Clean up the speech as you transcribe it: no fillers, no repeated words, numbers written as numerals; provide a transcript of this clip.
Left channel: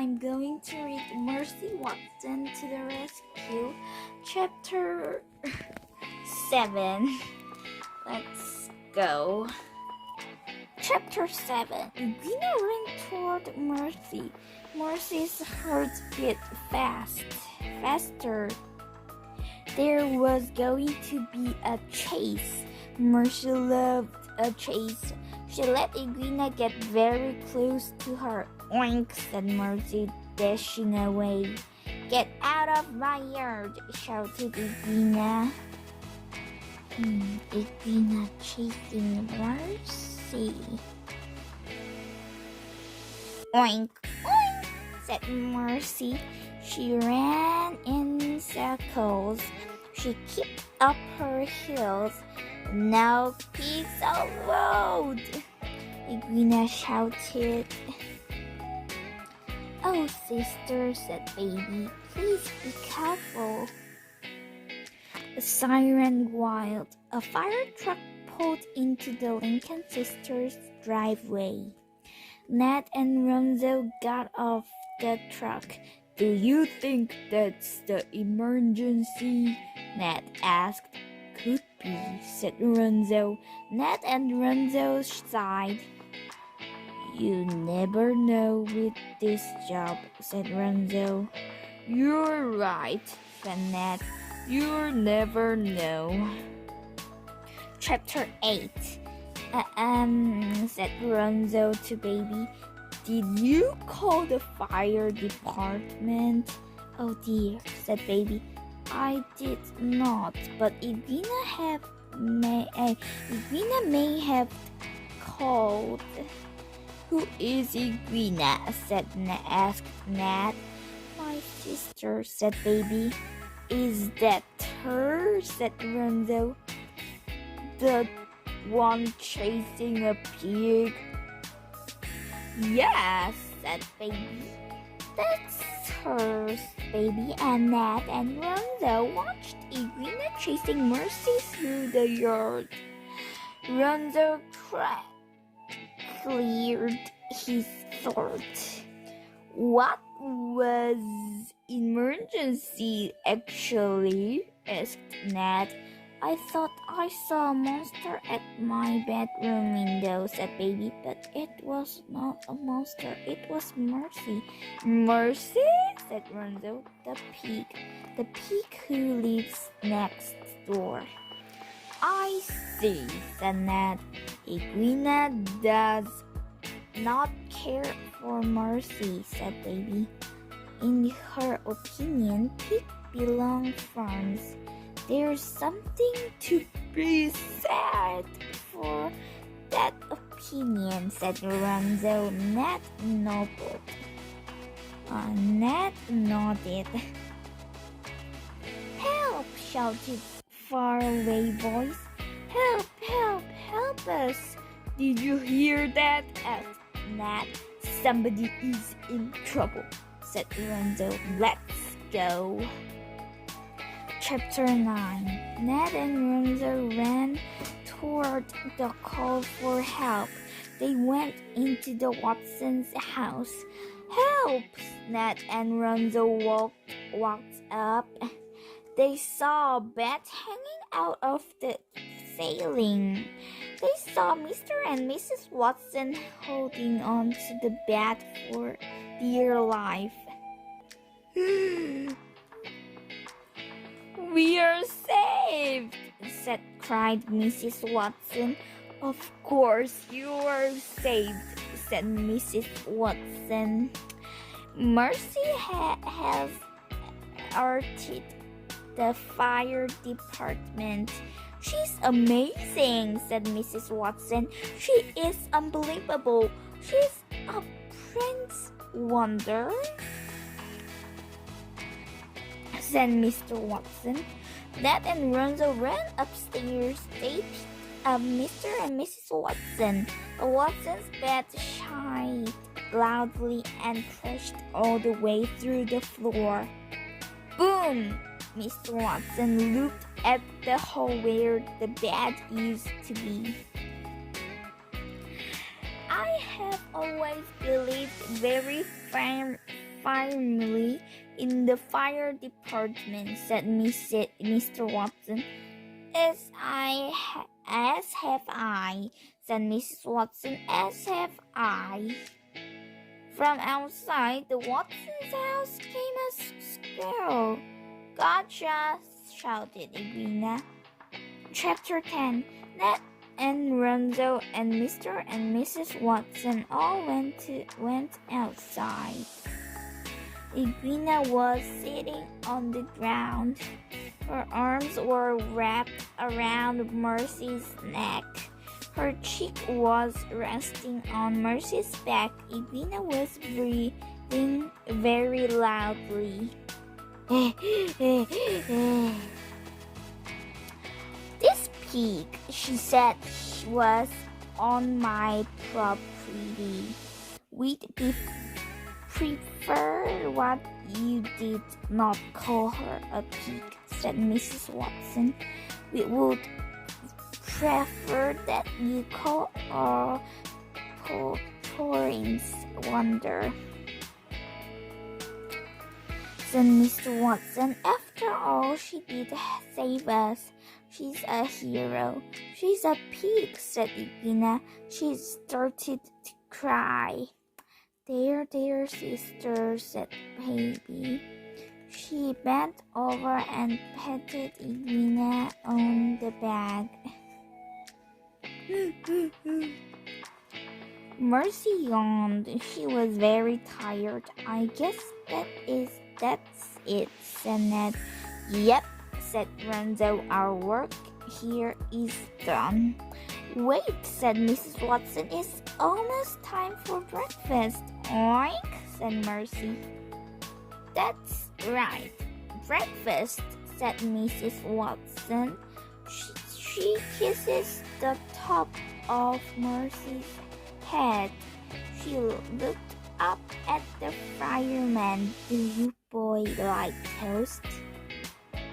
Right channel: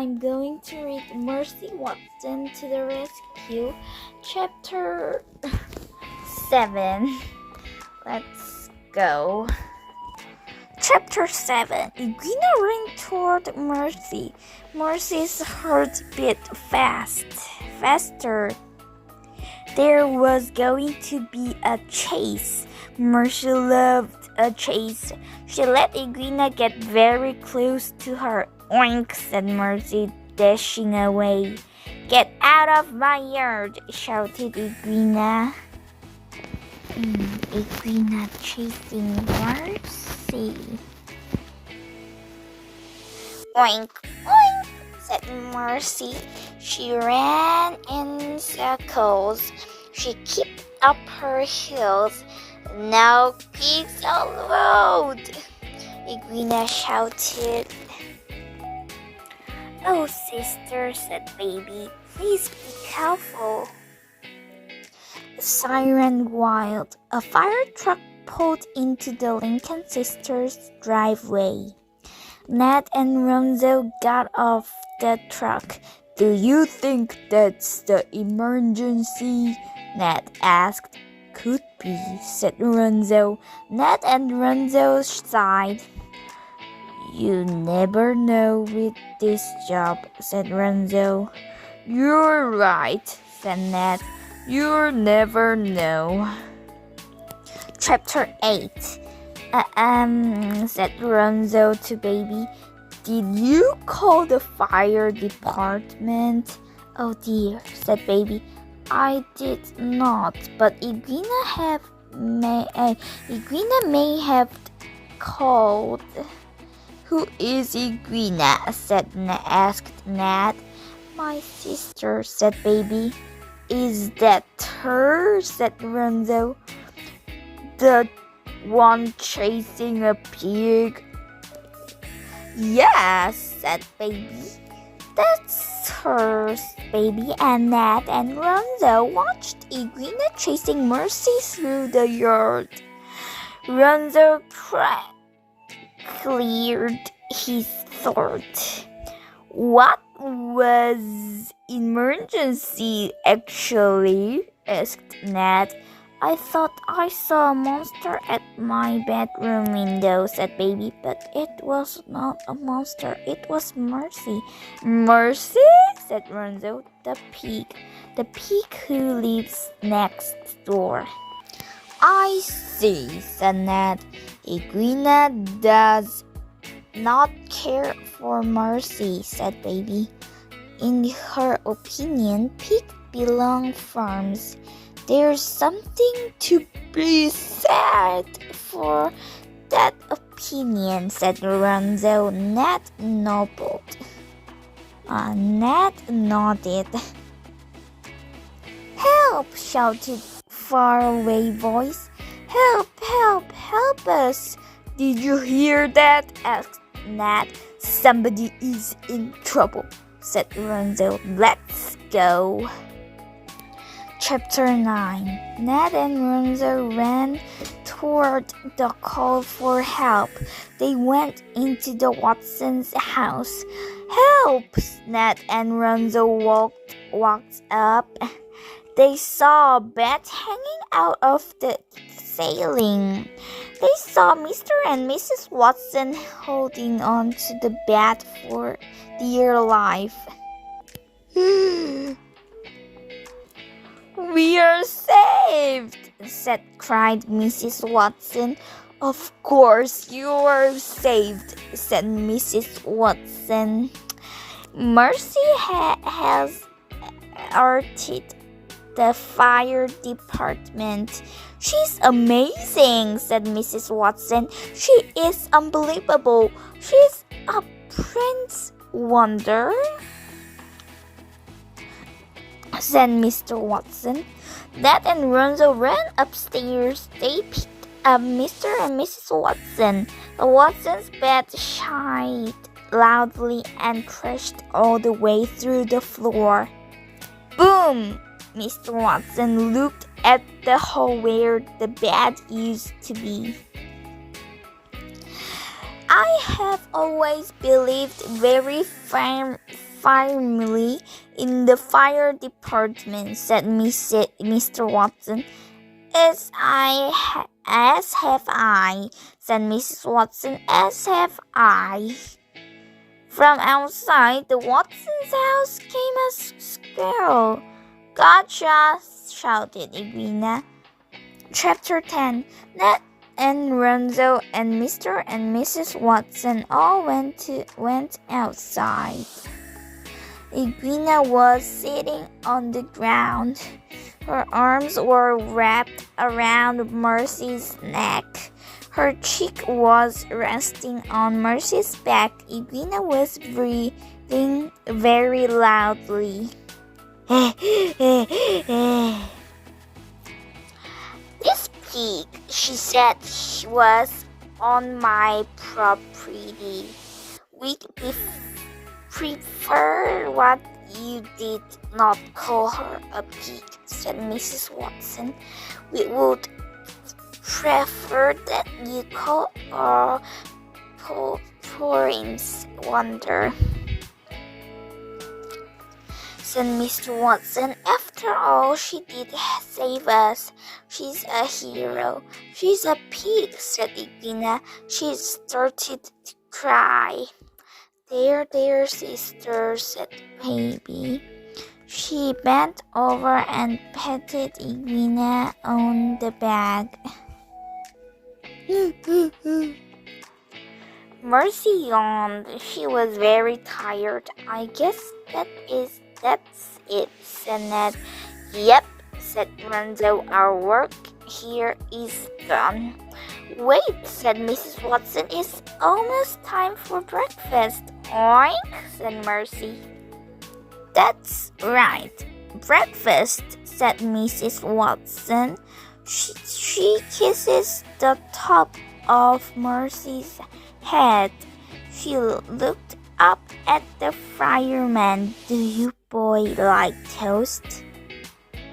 I'm going to read Mercy Watson to the Rescue, Chapter 7. Let's go. Chapter 7. Edwina ran toward Mercy. Mercy's heart beat faster. There was going to be a chase. Mercy loved a chase. She let Edwina get very close to her. Oink, said Mercy, dashing away. Get out of my yard, shouted Edwina. Edwina chasing Mercy. Oink, oink, said Mercy. She ran in circles. She kicked up her heels. No pigs on the road, Edwina shouted. Oh, sister, said Baby, please be careful. The siren wailed. A fire truck pulled into the Lincoln sisters' driveway. Ned and Ronzo got off the truck. Do you think that's the emergency? Ned asked. Could be, said Ronzo. Ned and Ronzo sighed. You never know with this job, said Ronzo. You're right, said Ned. You'll never know. Chapter 8. Said Ronzo to Baby. Did you call the fire department? Oh dear, said Baby. I did not, but Edwina may have called. Who is Edwina? Asked Ned. My sister, said Baby. Is that her? Said Ronzo. The one chasing a pig? Yes, said Baby. That's her. Baby and Ned and Ronzo watched Edwina chasing Mercy through the yard. Ronzo cleared his throat. What was emergency actually? Asked Ned. I thought I saw a monster at my bedroom window, said Baby, but it was not a monster, it was Mercy. Mercy? Said Ronzo. The pig who lives next door. I see, said Ned. Edwina does not care for Mercy, said Baby. In her opinion, pigs belong farms. There's something to be said for that opinion, said Ronzo. Ned nodded. Help! Shouted faraway voice. Help! Help! Help us! Did you hear that? Asked Ned. Somebody is in trouble, said Ronzo. Let's go. Chapter 9. Ned and Ronzo ran toward the call for help. They went into the Watsons' house. Help! Ned and Ronzo walked up. They saw a bed hanging out of the ceiling. They saw Mr. and Mrs. Watson holding on to the bed for dear life. We are saved, cried Mrs. Watson. Of course you are saved, said Mrs. Watson. Mercy has alerted the fire department. She's amazing, said Mrs. Watson. She is unbelievable. She's a prince wonder, said Mr. Watson. Ned and Ronzo ran upstairs. They picked up Mr. and Mrs. Watson. The Watsons' bed shied loudly and crashed all the way through the floor. Boom! Mr. Watson looked at the hole where the bed used to be. I have always believed very firmly in the fire department, said Mr. Watson. As have I, said Mrs. Watson, as have I. From outside the Watsons' house came a squirrel. Gotcha, shouted Edwina. Chapter 10. Ned and Ronzo and Mr. and Mrs. Watson all went outside. Edwina was sitting on the ground. Her arms were wrapped around Mercy's neck. Her cheek was resting on Mercy's back. Edwina was breathing very loudly. This pig, she said, was on my property. We'd prefer what you did not call her a pig, said Mrs. Watson. We would prefer that you call her Torrance Wonder, said Mr. Watson. After all, she did save us. She's a hero. She's a pig, said Edwina. She started to cry. There, sister, said Baby. She bent over and patted Edwina on the back. Mercy yawned. She was very tired. I guess that's it, said Ned. Yep, said Ronzo. Our work here is done. Wait, said Mrs. Watson. It's almost time for breakfast. Oink, said Mercy. That's right. Breakfast, said Mrs. Watson. She kisses the top of Mercy's head. She looked up at the fireman. Do you boys like toast?